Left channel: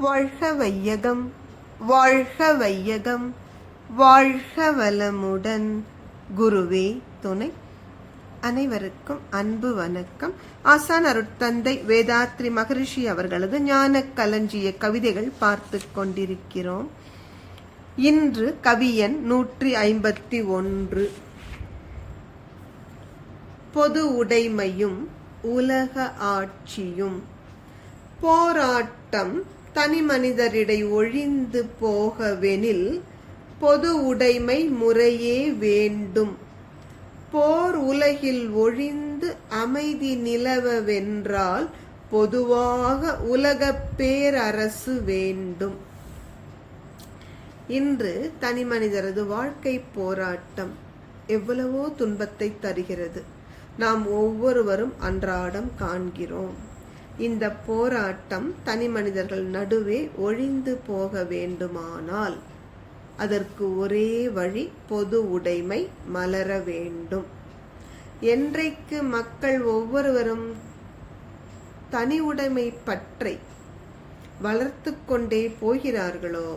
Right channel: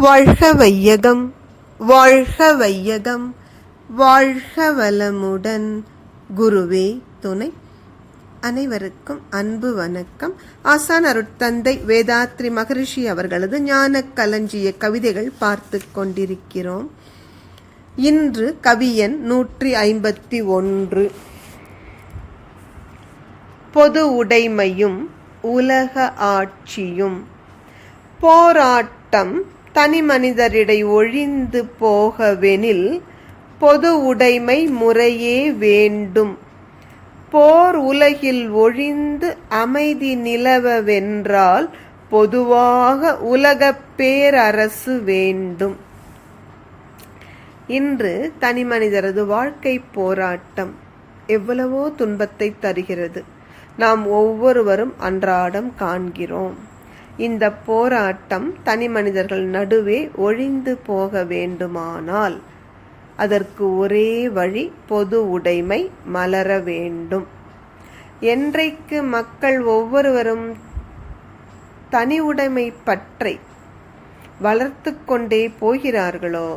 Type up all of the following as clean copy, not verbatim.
வாழ்க வையகம், வாழ்க வையகம், வாழ்க வளமுடன். குருவே துணை. அனைவருக்கும் அன்பு வணக்கம். ஆசான் அருட்தந்தை வேதாத்ரி மகரிஷி அவர்களது ஞான களஞ்சிய கவிதைகள் பார்த்து கொண்டிருக்கிறோம். இன்று கவியன் 151. பொது உடைமையும் உலக ஆட்சியும். போராட்டம் தனி மனிதரிடை ஒழிந்து போகவெனில் பொது உடைமை முறையே வேண்டும். போர் உலகில் ஒழிந்து அமைதி நிலவவென்றால் பொதுவாக உலகப் பேரரசு வேண்டும். இன்று தனி மனிதரது வாழ்க்கை போராட்டம் எவ்வளவோ துன்பத்தை தருகிறது. நாம் ஒவ்வொருவரும் அன்றாடம் காண்கிறோம். இந்த போராட்டம் தனி மனிதர்கள் நடுவே ஒழிந்து போக வேண்டுமானால் அதற்கு ஒரே வழி பொது உடைமை மலர வேண்டும். என்றைக்கு மக்கள் ஒவ்வொருவரும் தனி உடைமை பற்றி வளர்த்து கொண்டே போகிறார்களோ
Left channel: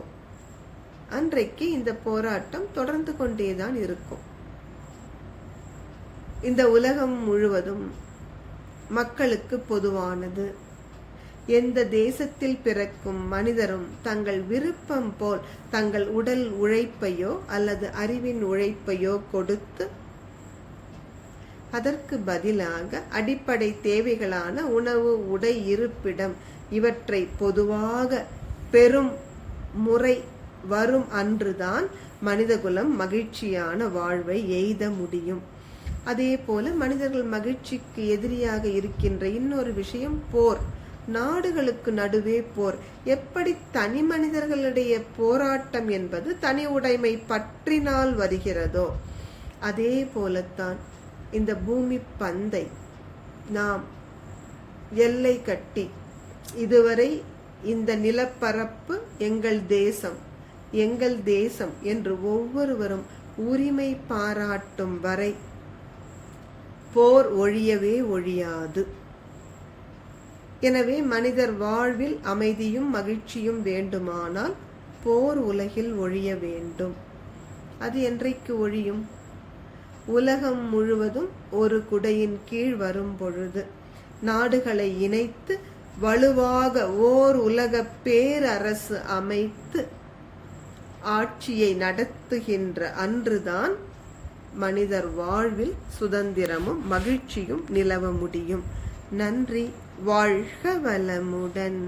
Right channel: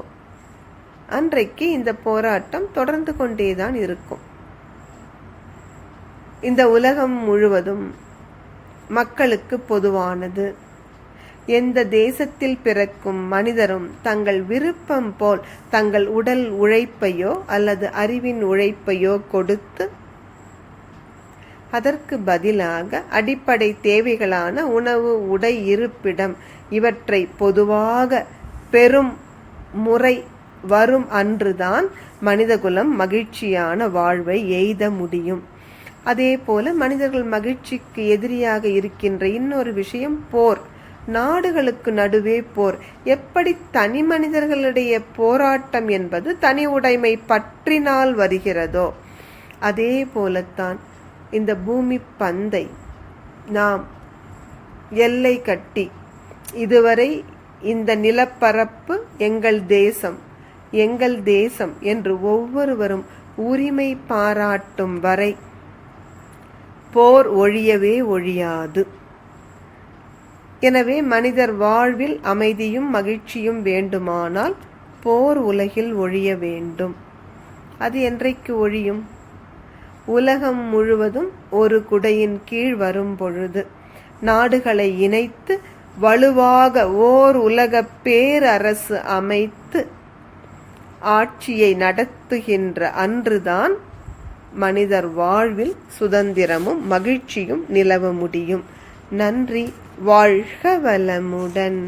அன்றைக்கு இந்த போராட்டம் தொடர்ந்து கொண்டேதான் இருக்கும். இந்த உலகம் முழுவதும் மக்களுக்கு பொதுவானது. எந்த தேசத்தில் பிறக்கும் மனிதரும் தங்கள் விருப்பம் போல் தங்கள் உடல் உழைப்பையோ அல்லது அறிவின் உழைப்பையோ கொடுத்து அதற்கு பதிலாக அடிப்படை தேவைகளான உணவு, உடை, இருப்பிடம் இவற்றை பொதுவாக பெரும் முறை வரும் அன்றுதான் மனிதகுலம் மகிழ்ச்சியான வாழ்வை எய்த முடியும். அதே போல மனிதர்கள் மகிழ்ச்சிக்கு எதிரியாக இருக்கின்ற இன்னொரு விஷயம் போர். நாடுகளுக்கு நடுவே போர். எப்படி தனி மனிதர்களுடைய போராட்டம் என்பது தனி உடைமை பற்றினால் வருகிறதோ அதே போலத்தான் இந்த பூமி பந்தை நாம் எல்லை கட்டி இதுவரை இந்த நிலப்பரப்பு எங்கள் தேசம், எங்கள் தேசம் என்று ஒவ்வொருவரும் உரிமை பாராட்டும் வரை போர் ஒழியவே ஒழியாது. எனவே மனிதர் வாழ்வில் அமைதியும் மகிழ்ச்சியும் வேண்டுமானால் போர் உலகில் ஒழிய வேண்டும். அது என்றைக்கு ஒழியும்? உலகம் முழுவதும் ஒரு குடையின் கீழ் வரும் பொழுது, நாடுகளை இணைத்து வலுவாக ஓர் உலக பேரரசு அமைத்து ஆட்சியை நடத்துகின்ற அன்றுதான் மனிதர் வாழ்வில் சுதந்திரமும் மகிழ்ச்சியும் நிலவ முடியும். நன்றி. வாழ்க வளமுடன்.